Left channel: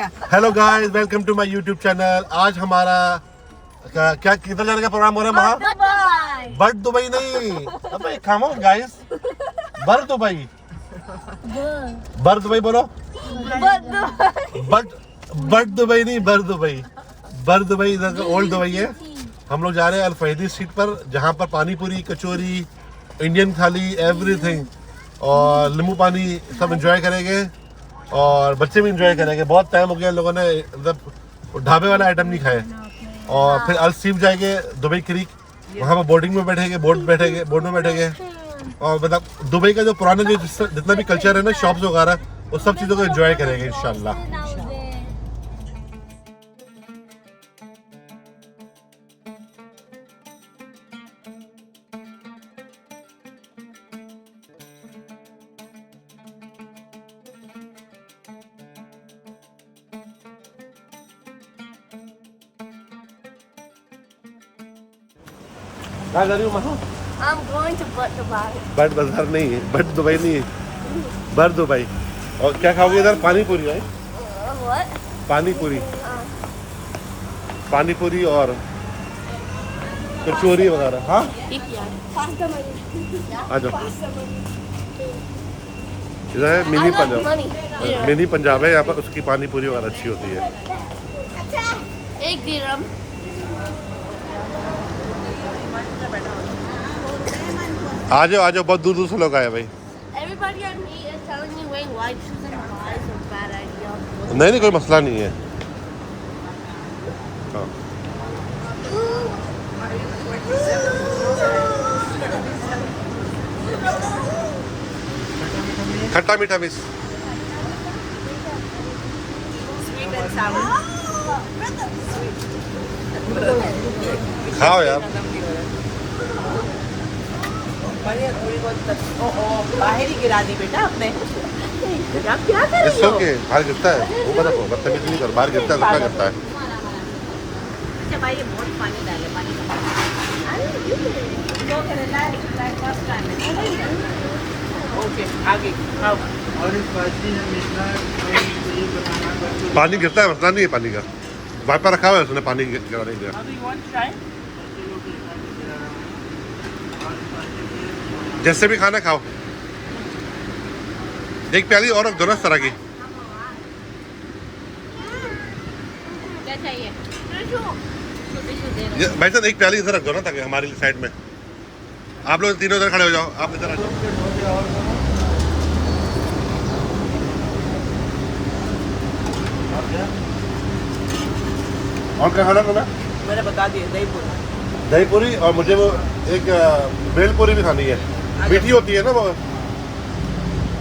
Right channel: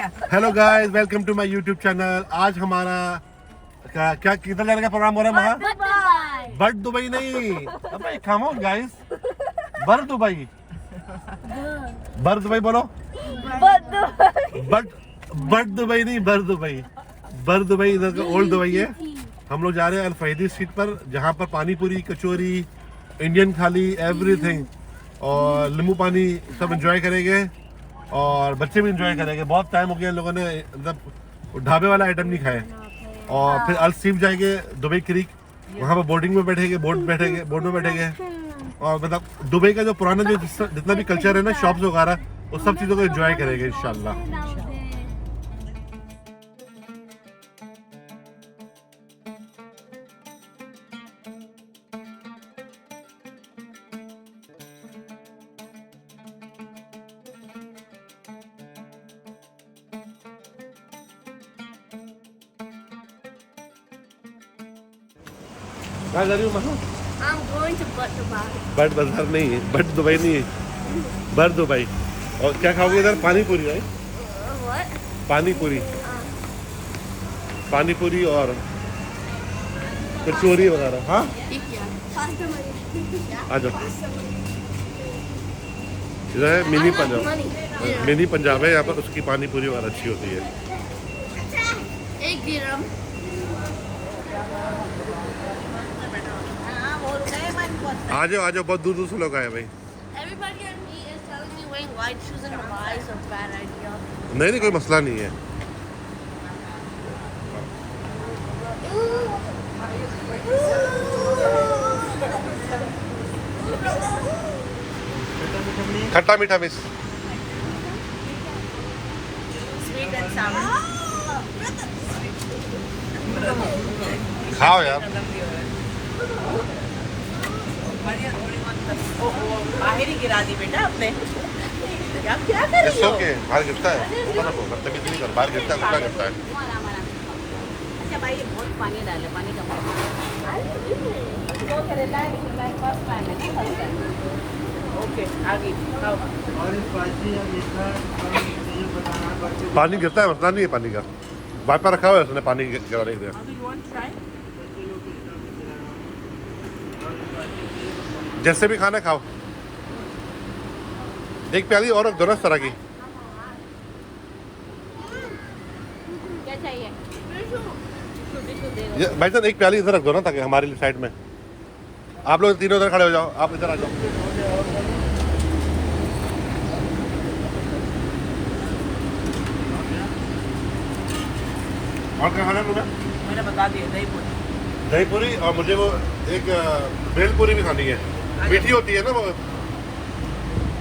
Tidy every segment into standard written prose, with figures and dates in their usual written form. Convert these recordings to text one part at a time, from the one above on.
Hello guys, welcome to my YouTube channel. आज हमारा क्या किधर जाने का प्रोग्राम हो रहा है? वहाँ बर्ड दुबई नहीं, अबे come on guys, bird Dubai, bird Dubai बोलो, बर्ड दुबई नहीं, बर्ड दुबई, बर्ड दुबई इधर का ओल्ड दुबई है। हम लोग जा रहे हैं अल फहीदी स्ट्रीट पर, जहाँ पर पानी पूरी, कचौरी, इंडियन थाली, एवरीथिंग और नींबू पानी सब एंजॉय करेंगे और बच्चे भी एंजॉय करेंगे। बहुत टाइम हो गया लोगों ने मतलब ढाबे वाला आइटम नहीं खाए। और फिर अल सीफ जाएंगे दुबई क्रीक, वहाँ पर बोटिंग में बैठेंगे, बोट में बैठेंगे और मतलब दुबई का जो पुराना जो जितना भी कल्चर है ना, शॉप्स वगैरह, वो सब चीज़ों को एंजॉय करेंगे इंशाल्लाह। कहाँ जा रही हूँ महा? I'm going to Bud Dubai. Bird बाजार नहीं है, बर्ड दुबई नहीं है, बर्ड दुबई। और क्या खाओगे इधर? पानी पूरी है, What? पानी पूरी, पानी पूरी और कचौरी वगैरह। हाँ आ जाओ, इधर है मिनी पंजाब, मिनी पंजाब है यहाँ पर, उसकी पानी पूरी वगैरह अच्छी होती है। एक दिरहम। आ जाओ, बहुत दूर दूर से लोग आए भाई। Everybody I meet is telling me wait, why choosing Dubai is a bad idea. नहीं, कोई मसला नहीं है। हाँ। खट्टा मीठा मिस खाओ यार। बाहर ही गिरा दी बेटा आपने। इट्स ओके, बाहर गिरता है वो, पता को बदतमीजी नहीं कर, बाहर गिरता है, सबका गिरता है। ओके आगे आओ। पानी गिरता है, मसला नहीं है पानी का, वाइपर रखा हुआ है उसने, पानी गिराने के लिए। जैसे भी खाना खाओ, एक प्याली और रख दो ना इस तरह की। क्या चाहिए? भाई साहब एक प्याली इधर रख दो ना, ताकि हमारी साइड में। आप लोग तीनों इधर खड़े हो जाओ, आप इधर आ जाओ। और क्या खाना तुम्हें? मैंने बता दिया दही पूरी, और मुझे वो एक भेल पूरी भी खानी है, मीठी होती है ना वो।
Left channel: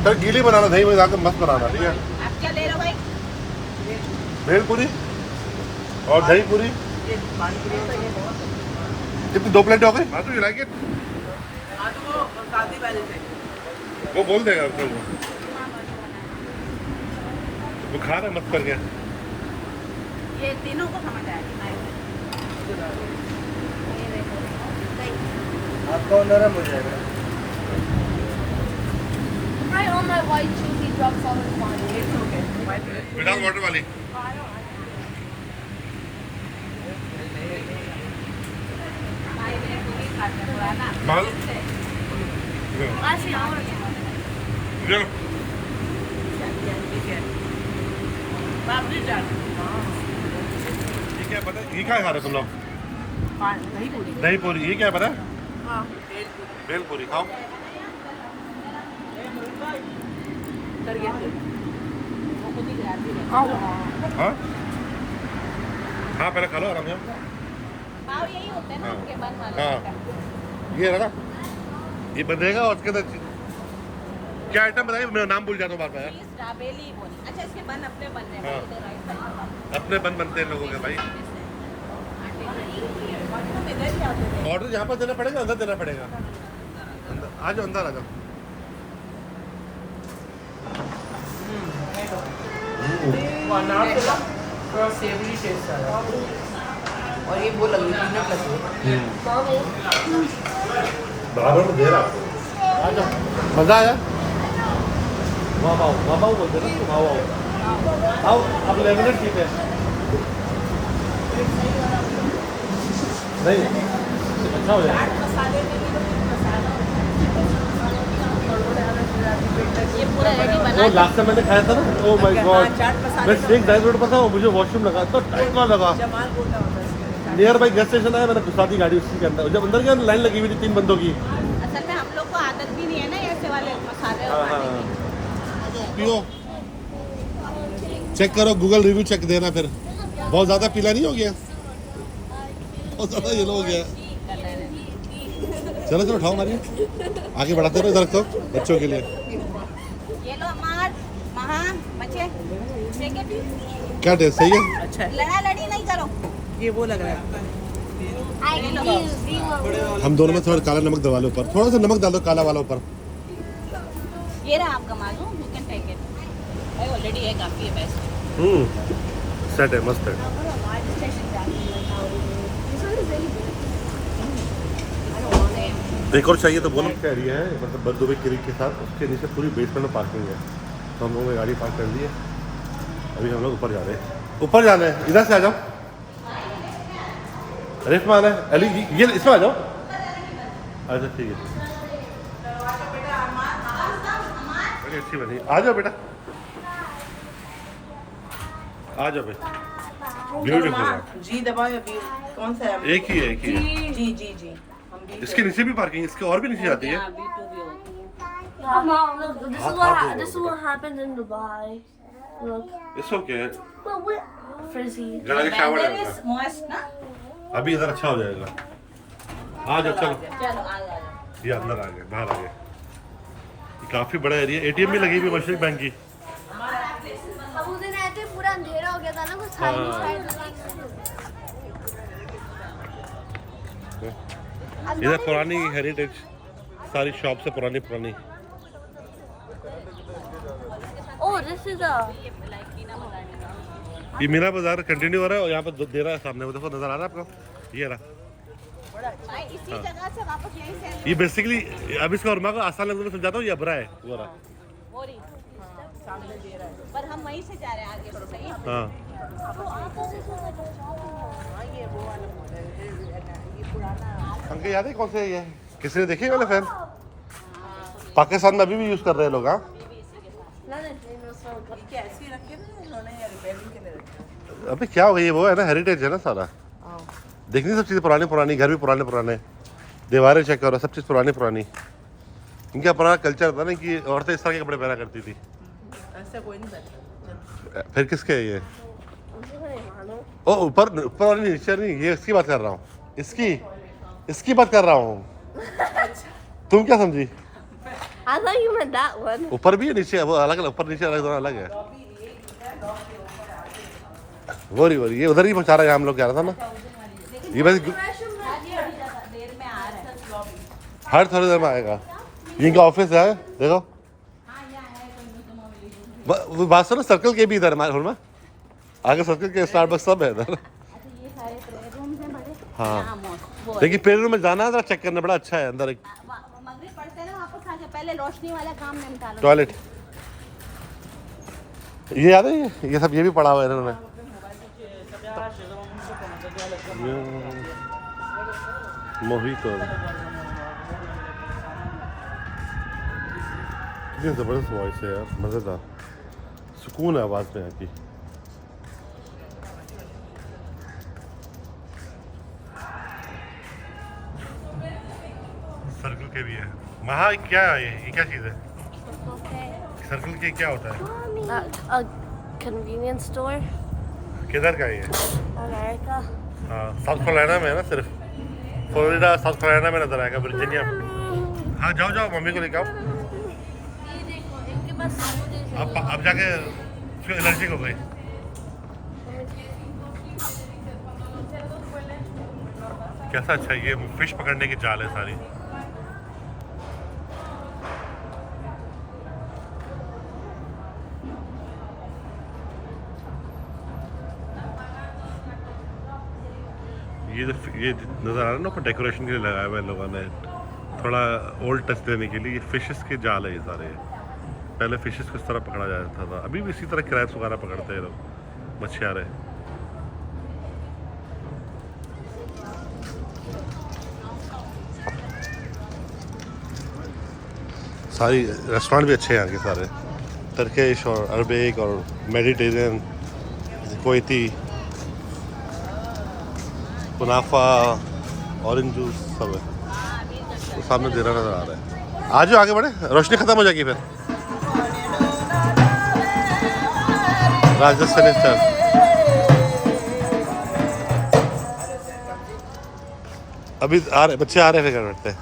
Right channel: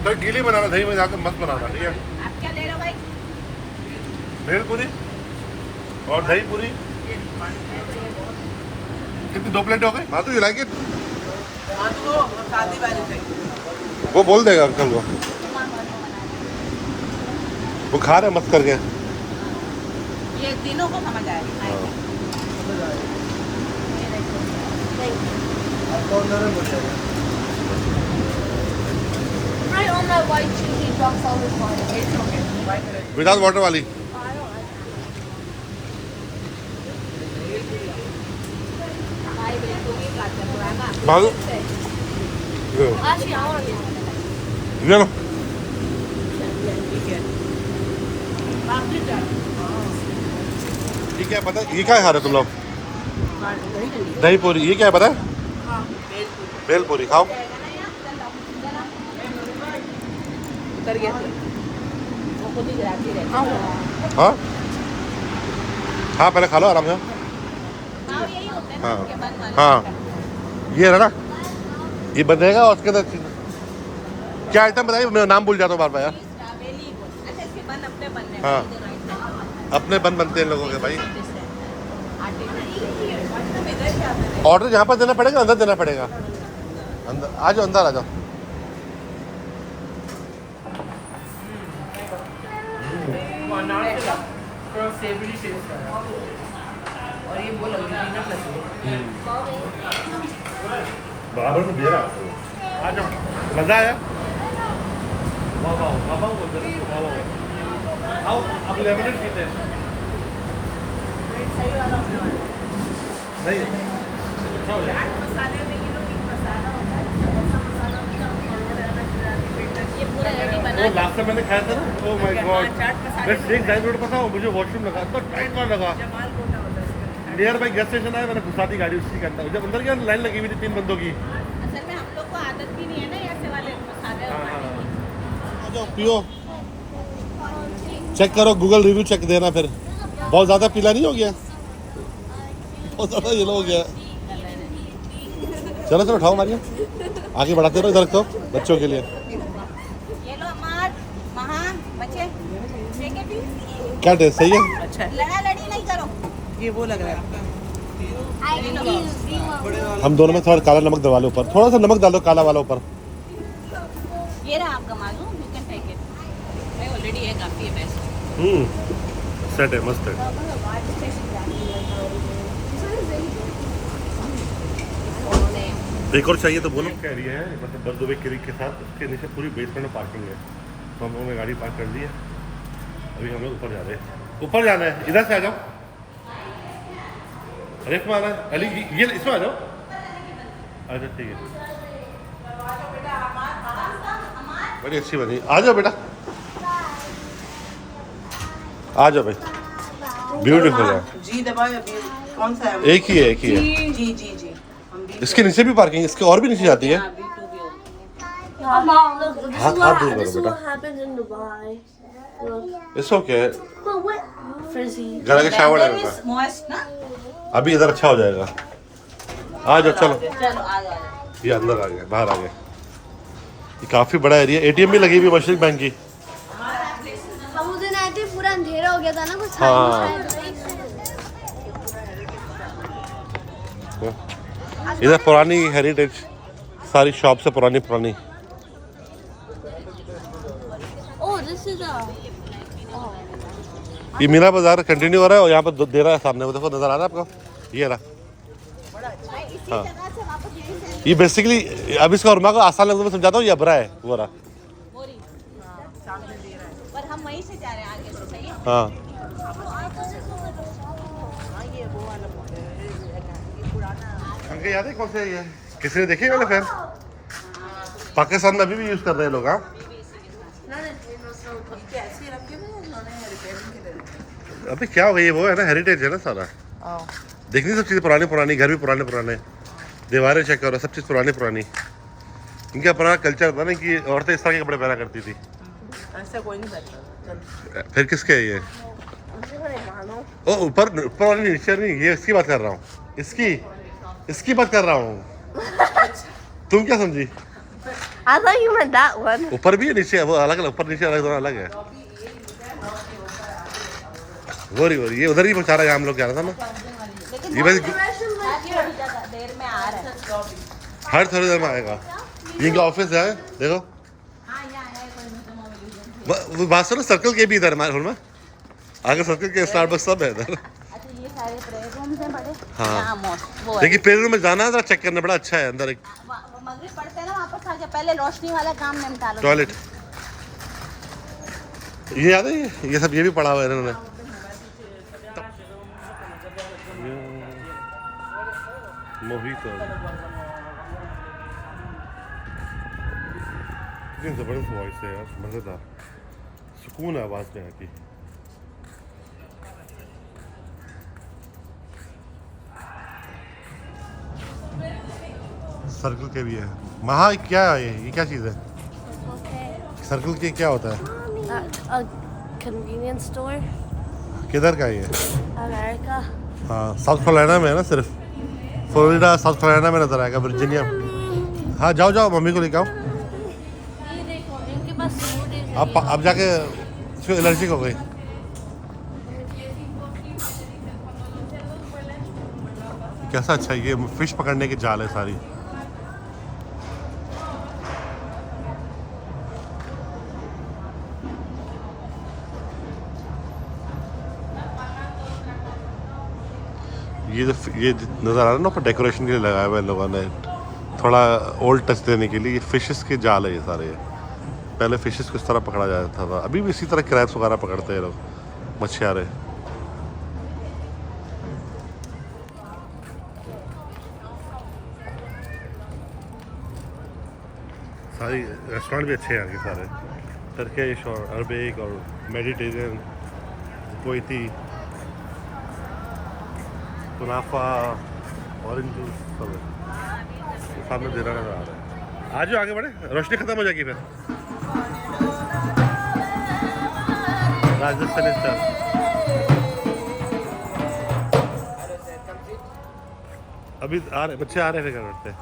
तो गीली बनाना, दही में जाकर मस्त बनाना, ठीक है? आप क्या ले रहे हो भाई? भेल पूरी और दही पूरी। कितनी, 2 प्लेट हो गई? हाँ तो यू लाइक इट? शादी वाली से वो बोल देगा अंकल को, वो खा रहे मस्त करके। ये तीनों को समझ आएगा। Right on my white shoe, he drops all his water. Without water वाली। भागो Actually, I want to get one. ले लो। पापड़ी चाट। ये क्या पता है? ये क्या खा रहे हो तुम लोग? हाँ दही पूरी। दही पूरी, ये क्या है पता है? हाँ भेल पूरी खाओ। कर गए थे। हाँ हाँ, पहले खा लो आराम से। हाँ हाँ, ये है ना, ये बनेगा और उसके अंदर क्या आइटम बताइए, मैं नाम भूल जाता हूँ बार बार यार। हाँ, अपने बनते हैं लोगों के भाई। ऑर्डर यहाँ पर देना पड़ेगा, अंदर देना पड़ेगा? अंदर आ जाओ, अंदर आ जाओ। और ये वो लगी पीनट लगी है। बराबर में दे रहा आपको। आ जाओ, मजा आया? वाह वाह बोलते ना, वाह वाह। आओ अब लेमनेड पीते हैं। नहीं अच्छा हो जाएगा। वो लास्ट टाइम मैंने खाया था ना, ओह माय गॉड, मैं शेक ड्राई फ्रूट पर था, मुझे वॉशरूम लगा, इतना टाइट कॉल लगा। नियर बाई गैस स्टेशन आया, मैंने घुसा दी गाड़ी उसी के अंदर। जब अंदर गया लाइन लगी हुई थी 3 बंदों की। असल में हम लोग को आदत भी नहीं है ना ऐसे वाले मसाले। हाँ पियो, चेक करो, गूगल रिव्यू चेक देना फिर। बहुत ज़्यादा पीला नहीं हो गया, बहुत ज़्यादा येलो हो गया। चलो चलो उठाओ मारिए, आगे बढ़ाते रहो इधर तो बच्चों के लिए। ये लो अमार, महा, बच्चे, ठीक है? क्या टेस्ट सही है? अच्छा है। लड़ा लड़ी नहीं करो। ये वो लग रहा है। हम दोनों में थोड़ा काला नमक दबा लो ऊपर, थोड़ा सा नमक डालो काला वाला ऊपर। ये रहा आपका मालूम, यू कैन टेक इट। भाई ऑलरेडी है, काफी है बेस्ट। सेट है, मस्त है। एक और चाहिए तो बोलो। क्या एरिया है मतलब बर्दुबई क्रीक के साथ, उसके नीचे पूरी बेसमेंट में पार्किंग है। तो हम लोगों ने गाड़ी पार्क कर ली है, अभी हम लोग ऊपर जा रहे हैं। ऊपर जाना है, इधर से आ जाओ। अरे इसमें आना है अली, ये इसमें आ जाओ। अच्छा ठीक है, बड़ी अच्छी बनी। आ जाओ बेटा, आ जाओ भाई, ब्यूटीफुल है। जी दबाओ अभी। कौन सा है? एक ही है, एक ही है। जी जी जी। हम भी इसके नीचे भी पार्किंग, इसके और भी नीचे जाती है। अभी टू भी हो। Mom, look, this How- is how what do you this is know what that? happens in Dubai. Look, it's okay, but what? Frizzy. जरा के शावर There लेगा, is moist ना? अभी इधर अच्छा हो जाएगा। आ जाओ चलो, चलो आ जाओ। ये अंदर आ गए, बाहर आ गए। ये काफी बड़ा एरिया, एटीएम भी लगी हुई है मशरक बैंक की। हम उस दिन आए थे, पूरा अंधेरा हो गया था ना, कुछ हाँ। इधर पुरानी हेरिटेज, सारी शॉप से पुरानी पुरानी। Oh, this is a. ये मीना बाजार कंटिन्यू हो रहा है और यहाँ पर दे रहा है सामने, वो देखो नजर आ रहा है आपको, ये रहा। हाँ ये बेसिकली, अब इसका उर्मा को आसान लगता है, मैं समझाता हूँ, ये अबरा है वो रहा। पर हम वहीं से जा रहे हैं आगे से, सही है? हाँ अंकल याद है कौन से ये किसी ने देखे वाले फैन? पाकिस्तान में अभी भी यूज कर रहे हैं लोग। हाँ कैसे रखे हुए हैं इन्होंने रिपेयरिंग के लिए। अभी क्या हो गई, वो है ना हेरिटेज है ना सारा, देखनी सब चीज़ें पुरानी पुरानी, घर भी पुराने पुराने, दीवारें चेक करो, सब चीज़ पुरानी पुरानी। इनका पुराना कल्चर था ना कि औरतें इस तरह के कपड़े पहना करती थी। ऐसा कोई नहीं करता। फिर किसके है ये? ओ ऊपर ऊपर वाली, नीचे नहीं, ये इसकी बात कर रहा हूँ, इसकी बात कर रहा हूँ। तुम क्या समझी? I thought you meant that one. ऊपर भी है, नीचे है, वो अलग अलग, ऊपर नीचे अलग, दोनों अलग है। वो रही ये उधर ही पहुँचा रहा है, हम लोग जा रहा था ना। ये बस हर थोड़ी देर में आएगा, इनका ऑफिस है देखो। वो बात सुनो, सर्कल के भी इधर हमारे हॉल में, आगे सर्कल के स्टारबक्स सब है इधर। हाँ देखिए पेड़ रूम में जाना है, जरा चेक करना, बड़ा अच्छा है अंदर। एक मगरिब पढ़ते हैं ना, वापस आके पहले रोशनी वाला काम निपटालो। टॉयलेट, ये याद है, ये सब ये भी पढ़ा हुआ है इन्होंने। मोहितो, कितनी जबरदस्त वॉइस है यार, मजेदार, सुकून है आवाज में यहाँ की। सर्कल के भी है। महा क्या है ये क्या चीज़ है? सर्कल के क्या होता है? A convenience store. किधर का है ये? America. हाँ साउथ कैरोलिना में है ना, सिर्फ फ्लोरिडा साउथ कैरोलिना में नजर आएगा, वर्जीनिया। हाँ जाओ जाओ, मम्मी को लेके आओ। इनके पास smoothies है। आप जाके उसको एलर्जी हो गई। कैसा अच्छा है, ये फिश पकड़ने की जाल है सारी। ये नज़र आ रहा है ना, ऊपर डेकोरेशन के लिए लगाया हुआ है लोगों ने, थोड़ा ओल्ड टच देने के लिए। ये फिशेस के जाल है ये सारे, पहले फिशेस किस तरह पकड़ा जाता था, अभी भी इसी तरह क्रैब्स वगैरह पकड़ते हैं लोग, मछियारे। सारी रेस्टोरेंट भी अच्छे हैं यहाँ के सारे, टर्किश और अरबिक और मेडिटेरियन, कोयती, कुनाफा, ऑरेंज जूस सब है। तो सामने देना नजर आ रहा है। आज आगे बढ़े, रोशनी खत्म हो जाएगी फिर। राजस्थानी स्टाइल। अभी आ रहे बच्चे, आ रहे फिर बैठते हैं।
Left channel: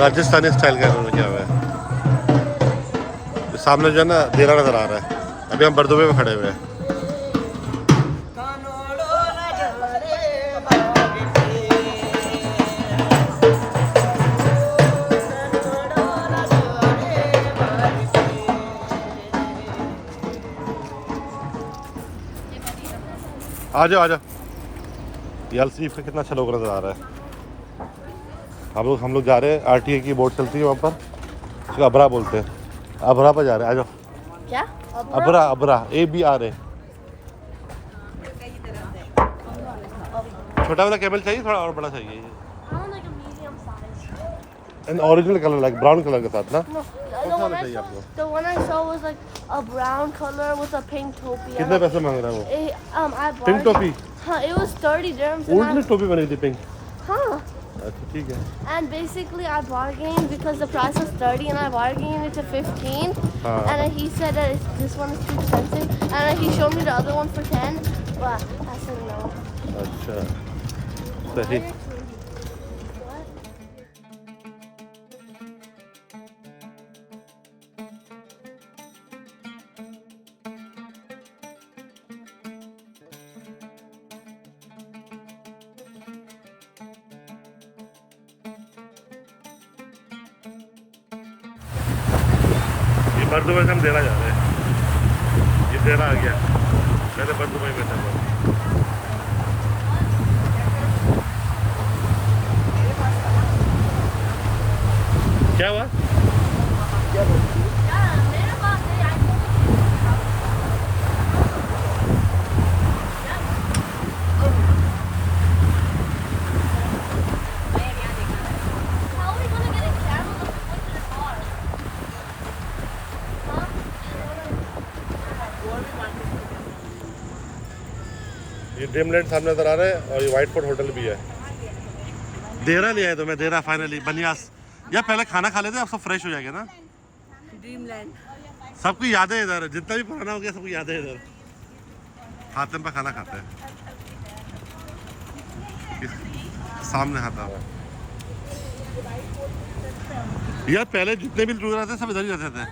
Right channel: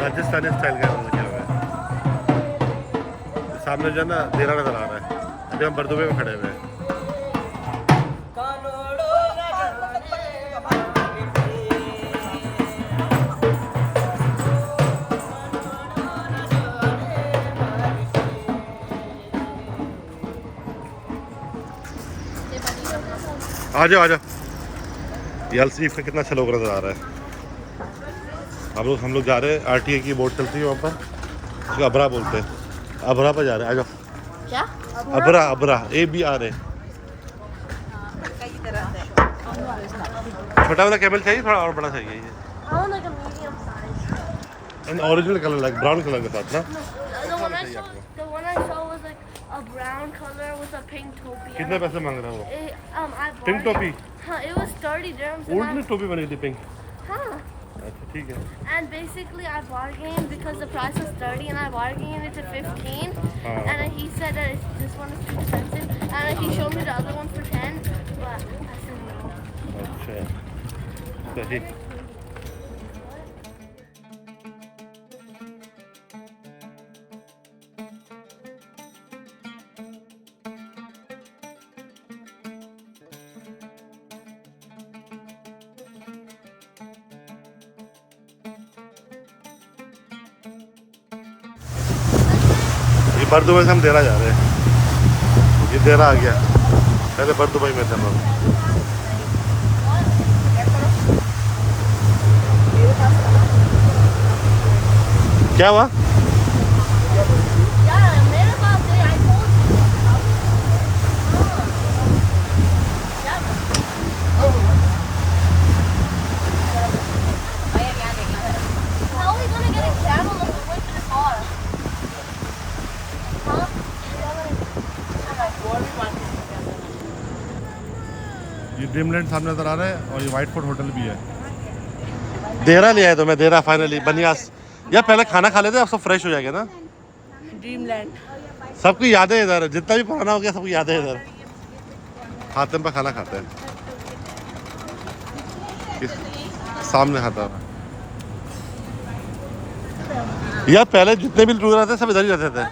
राजस्थानी स्टाइल का इन्होंने क्या हुआ है। सामने जो है ना देरा नजर आ रहा है। अभी हम बरदुबे में खड़े हुए हैं। आ जाओ आ जाओ। ये अलसीफ का कितना अच्छा लोग नजर आ रहा है। हम लोग जा रहे हैं, आरटीए की बोट चलती है वहाँ पर, उसको अबरा बोलते हैं। अबरा पर जा रहे हैं, आ जाओ। क्या? अबरा, अबरा, ABRA। छोटा वाला कैमल चाहिए, थोड़ा और बड़ा चाहिए ये। I want like a medium size. And original colour, like brown colour के साथ ना। The one I saw was like a brown color with a pink topi. कितने पैसे मांग रहा है वो? I bought पिंक टोपी, It was 30 dirhams. ऊँट में टोपी बनी थी पिंक। Huh. अच्छा ठीक है। And basically I bargained because the price was 30 and I bargained it to 15. And then he said that this one is too expensive. And then he showed me the other one for 10. But I said no. अच्छा सही। बरदुबई से हम देरा जा रहे हैं। ये देरा आ गया, पहले बरदुबई में थे हम। क्या हुआ? Yeah, मेरे पास है, I told you. How are we gonna get a camel if we wait in the car? ये ड्रीमलैंड सामने नजर आ रहा है और ये व्हाइट फोर्ट होटल भी है। देहरा लिया है तो मैं, देहरा फाइनली बनियास। यार पहले खाना खा लेते, अब सब फ्रेश हो जाएगा ना। ड्रीमलैंड सबको याद है इधर, जितना भी पुराना हो गया सबको याद है इधर। हाथम पे खाना खाते हैं, सामने खाता हुआ। यार पहले जितने भी टूर रहते सब इधर ही रहते थे।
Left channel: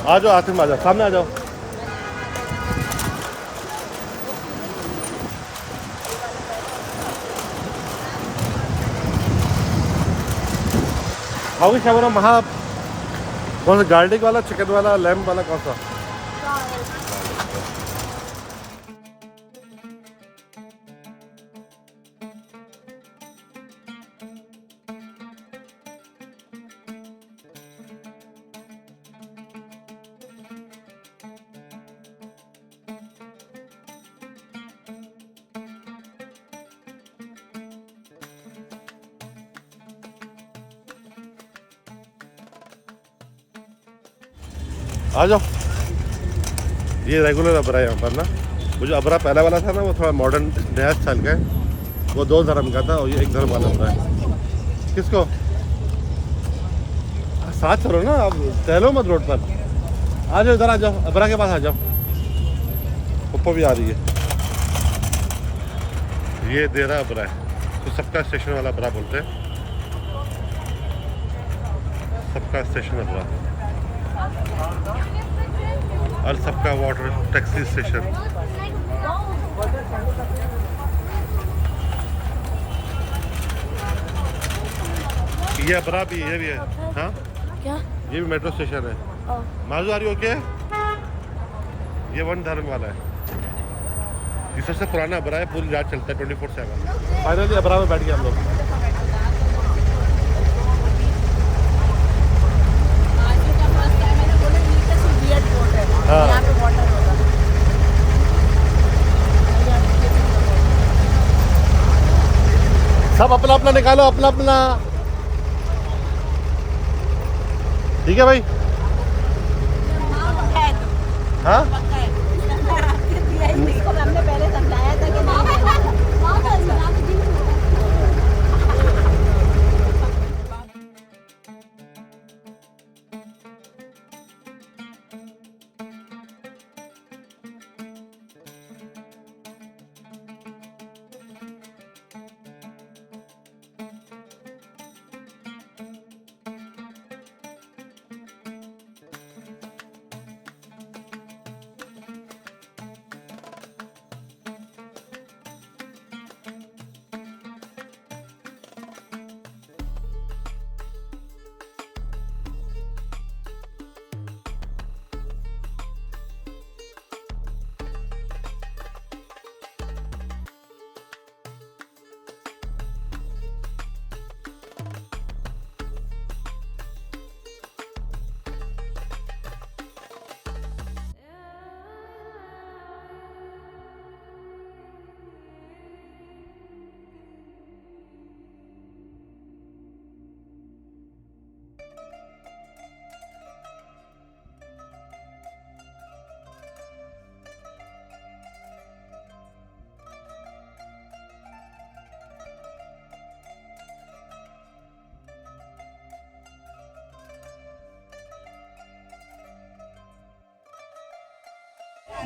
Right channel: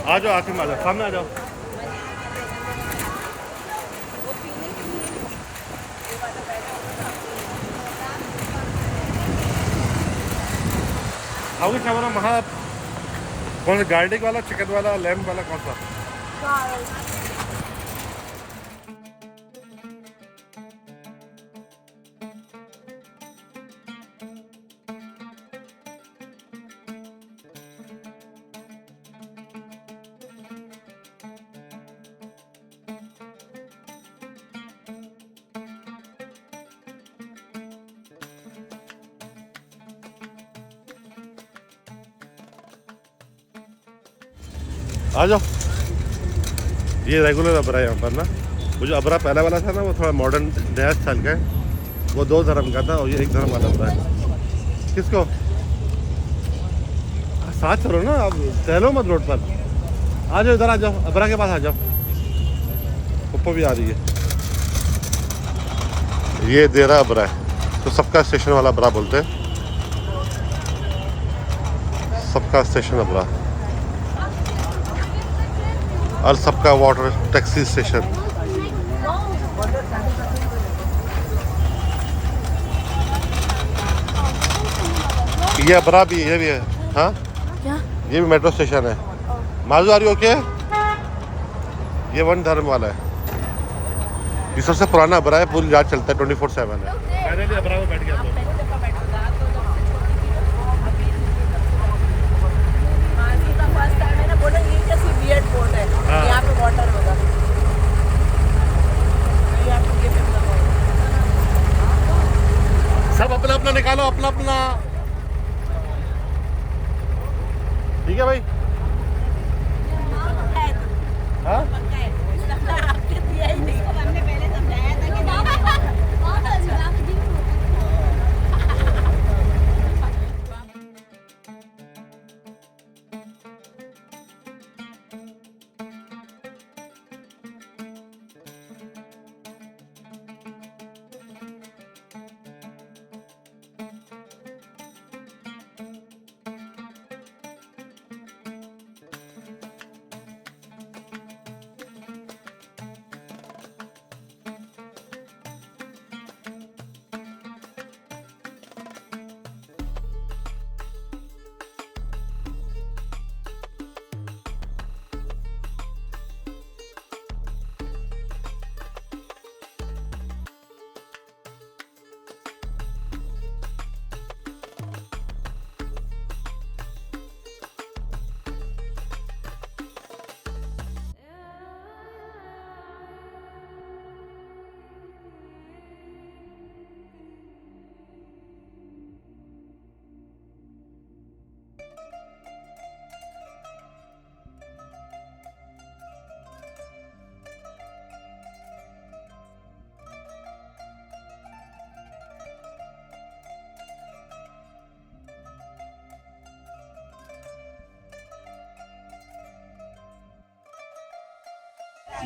आ जाओ आतिम, आ जाओ, सामने आ जाओ। आओगे शावरा वहाँ कौन सा, गार्लिक वाला, चिकन वाला, लैम्ब वाला, कौन सा? आ जाओ। ये रेगुलर अबरा है यहाँ पर ना। वो जो अबरा पहला वाला था ना, वो थोड़ा मॉडर्न नया स्टाइल का है। वो 2 धर्म का था और ये 1 धर्म वाला अबरा है। किसको साथ चलो ना, अब टहलो मत रोड पर। आ जाओ इधर, आ जाओ, अबरा के पास आ जाओ। ऊपर भी आ रही है। ये देरा अबरा है, तो सबका स्टेशन वाला अबरा बोलते हैं। सबका स्टेशन अबरा और सबका वाटर टैक्सी स्टेशन। ये अबरा भी, ये भी है। हाँ क्या? ये भी मेट्रो स्टेशन है। माजू आ रही हो क्या? ये 1 धर्म वाला है। ये सबसे पुराना अबरा है, पूरी रात चलता है, 24/7 है। फाइनली अबरा में बैठ गए हम लोग। हाँ। सब अपना अपना निकालो, अपना अपना। ठीक है भाई। हाँ हमने पहले समझाया था कि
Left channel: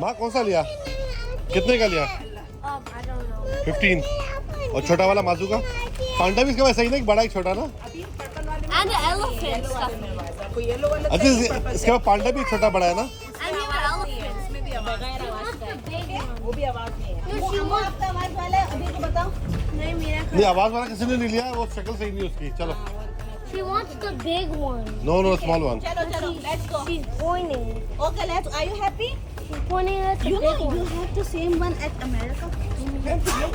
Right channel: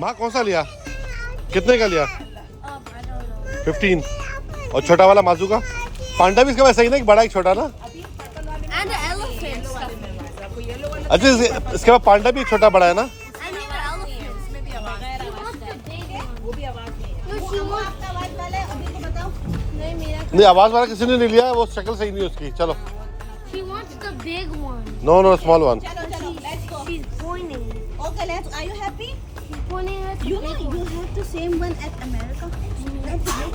माँ कौन सा लिया? कितने का लिया? I don't know. 15। और छोटा वाला माजू का? पांडा भी इसके पास सही ना, एक बड़ा एक छोटा ना? And the elephants. अच्छा इसके बाद पांडा भी छोटा बड़ा है ना? And even elephants. He wants the big one. वो भी आवाज नहीं है। वो अम्मू आपका आवाज वाला है, अभी तो बताओ। नहीं, मेरा नहीं आवाज वाला किसी ने नहीं लिया, वो शक्ल सही नहीं उसकी। चलो। She wants the big one. Know small one. चलो चलो, let's go. She's pointing. Okay, let's. Are you happy? She's pointing at the You big know one. you have the same one at America.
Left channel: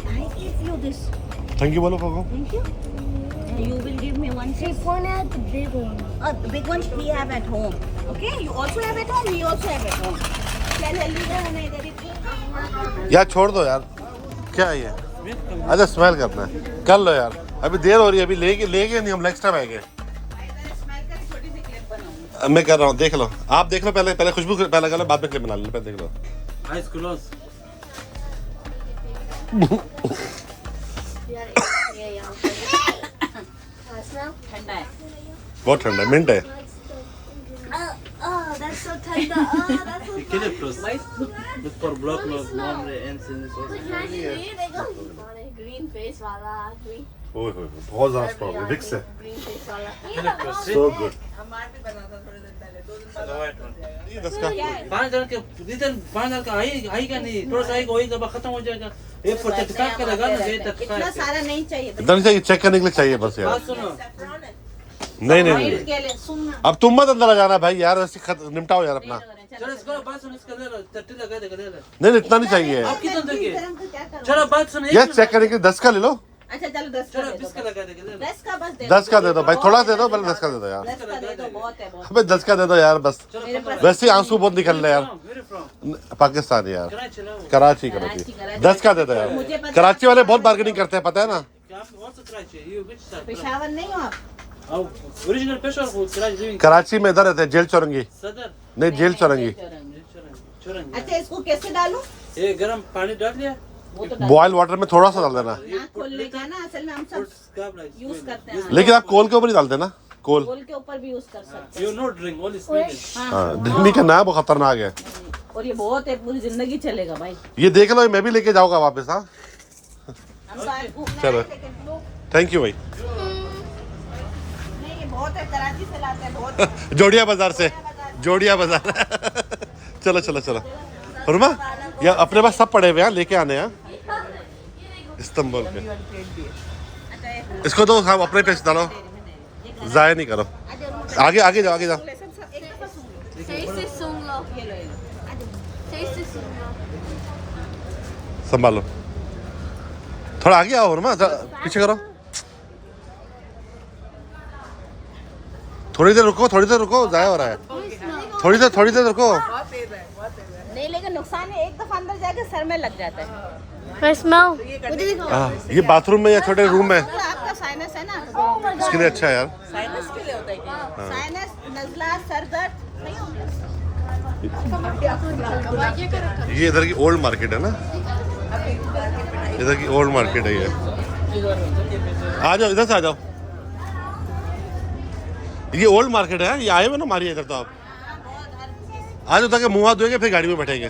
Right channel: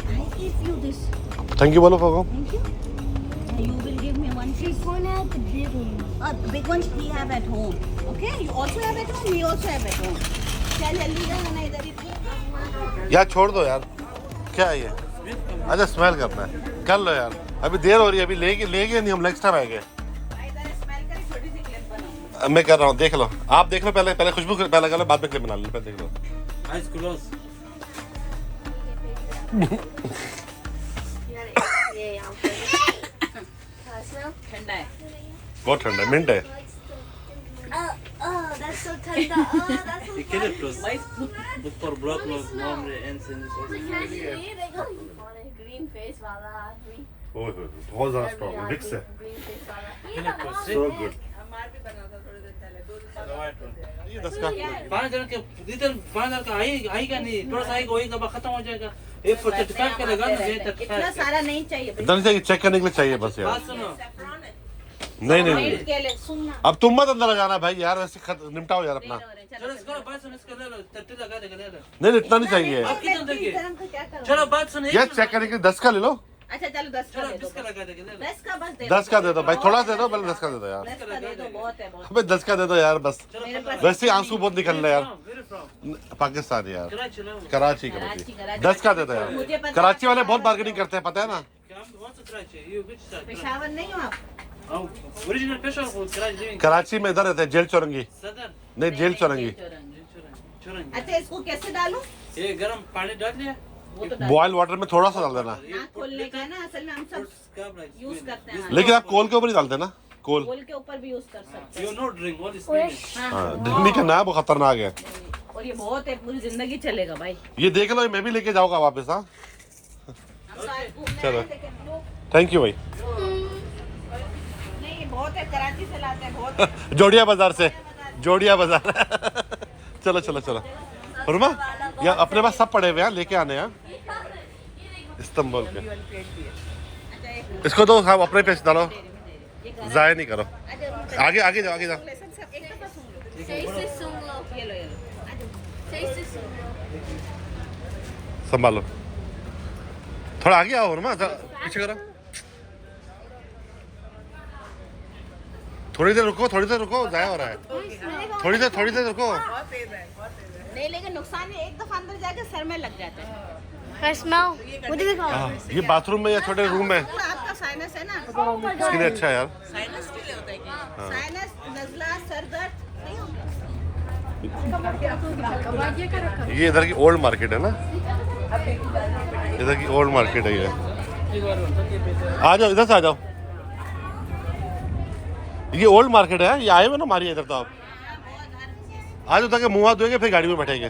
I give you this. Thank you बोलो फोको। Thank you. You will give me one. She's pointing at the big one. The big ones we have at home. Okay, you also have at home. We also have at home. Tell Elvira when I get it. यार छोड़ दो यार, क्या है ये? अच्छा smell करना है, कर लो यार, अभी देर हो रही है, अभी लेके नहीं हम नेक्स्ट टाइम आएंगे। मैं कर रहा हूँ, देख लो, आप देख लो पहले खुशबू पहले कर लो, बाद में क्लिप बना लो, पहले देख लो। Eyes closed. ठंडा है। बहुत ठंडा है, मिंट है। Oh, that's so tender. Oh, that's so You kill it first. Look for blood clot, warm ends in this. green face wala green ओए होए, बहुत ज़्यादा स्ट्रॉन्ग है, विक्स है, face wala. So good. The white one. ये 10 का। 5,000 के इधर 5,000 का आएगा नहीं, थोड़ा सा आएगा, वही दबा खत्म हो जाएगा। एक for 35 का लगा ना, ये 35 इतना सारा नहीं चाहिए। इतना नहीं चाहिए, चेक करने के लिए चाहिए बस यार। बात सुनो, नहीं के लिए सुनना। अब तुम मत अंदर आ जाना भाई यार, ऐसे निपटाओ यार अपना। चलो इसको बात सुनो, इसके अंदर 30 लगा देगा, ले ले। नहीं इतना नहीं चाहिए आप कितना दोगे? क्या करो? चलो बात सुनो, यार चेक करने के लिए 10 का ले लो। अच्छा चलो 10 का चलो दे दो। 20 का लगा देगा, ले ले। 10 का बस दे 10 का दे दो भाई, थोड़ा दे दो, पहले 10 का दे दो यार। 10 का दे दो, बहुत है बहुत। अबे 10 का दे दो यार बस, मेरे पास वैसे ही आंसू बहुत निकल रहे यार। Where from? पाकिस्तान यार, कराची ना। कराची। कराची। 10 का दे दो मुझे यार, पता कराची वाले बहुत बार्गेनिंग करते हैं, पता है ना? क्या आपको कौन सा कराची है? You which side? पेशावर नहीं हो आप? ओरिजिनल पेशा को कराची living. कराची में इधर रहते हैं, जेल चौरंगी। सदर। नहीं जेल चौरंगी। चुरंगी। अच्छा इसको कैसे डालूं? ये गरम पानी डाल लिया? वो तो बॉयल वाटर में थोड़ा सा डाल देना, नाक खोलने का ना, असल में हम सब यूज करते हैं। लेकिन आप कोल के ऊपर ही डाल देना, कोल। बोल के ऊपर भी यूज कर सकते You no drink, only smelling. हैं। हाँ दिल्ली का ना वो खतरनाक है। और ये बहुत है, पूरी जिंदगी चलेगा भाई। ये देख लो, मैं भी लेके जाऊंगा वापस। हाँ हम तो आपको चलो, थैंक यू भाई। नहीं ये बहुत है, कराची से लाते हैं बहुत। जोड़िया बाजार से, जोड़िया बाजार। चलो चलो चलो फरमा, या अपने पास सब पड़े हुए हैं, लेके आने हैं इस्तांबुल के। इसको तो हम अपने पैसे डालो, जाया नहीं करो। आगे आगे जाओ, आगे जाओ। Say Sungo. ये लो। Say Sungo. संभालो, थोड़ा आगे आओ ना, पीछे करो, थोड़ी देर रुको, ज़ाया हो रहा है, थोड़ी देर रुको। नहीं लेकिन नुकसान है, एक दफा अंदर जाके सर में लग जाता है। I smell. मुझे दिखाओ। हाँ, ये बाथरूम में या छोटे रूम में, तो आपका साइनस है ना, इसके लिए अच्छा है यार। साइनस के लिए होता है क्या? साइनस, नजला, सर दर्द नहीं होगा। ये इधर की ओल्ड मार्केट है ना, इधर की ओल्ड मार्केट है ये। आ जाओ, इधर से आ जाओ, ये ओल्ड मार्केट है, ये आए हुए ना मारिए इधर तो आप आ जाओ, ताकि मुँह हाथ धोएंगे फिर गाड़ी में बैठेंगे।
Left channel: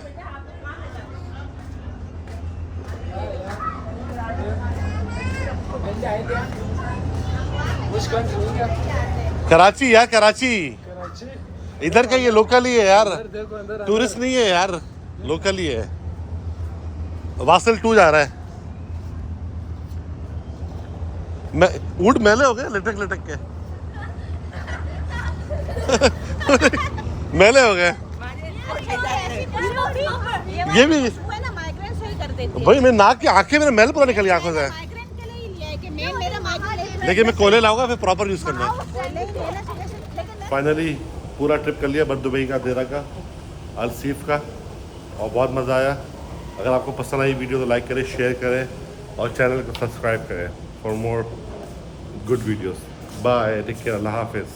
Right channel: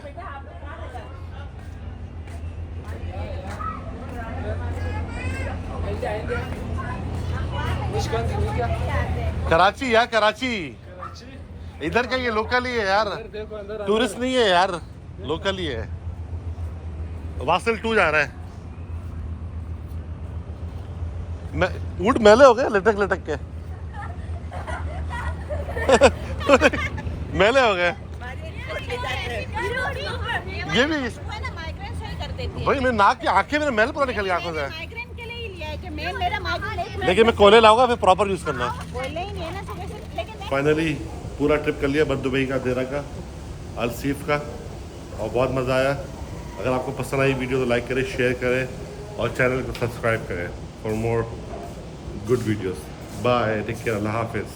कराची यार, कराची इधर का, ये लोकल ही है यार, टूरिस्ट नहीं है यार, लोकल ही है। वासिल 2 जा रहा है। ऊँट मैले हो गए लटक के मैले हो गए ये भी माइग्रेन सही कर देती है। भाई, मेरी नाक की आंखें, मेरे मैल पूरा निकली आंखों से। माइग्रेन के लिए ही लिया है कि मेरा माइग्रेन लेकिन मैं कोले लाऊंगा, फिर प्रॉपर यूज करना। लेकिन फाइनली पूरा ट्रिप कर लिया बर दुबई का, देरा का, अलसीफ का, और बहुत मज़ा आया। अगर आपको पसंद आई वीडियो तो लाइक करें, शेयर करें और चैनल को सब्सक्राइब करें for more good videos. Bye, take care, अल्लाह हाफिज़।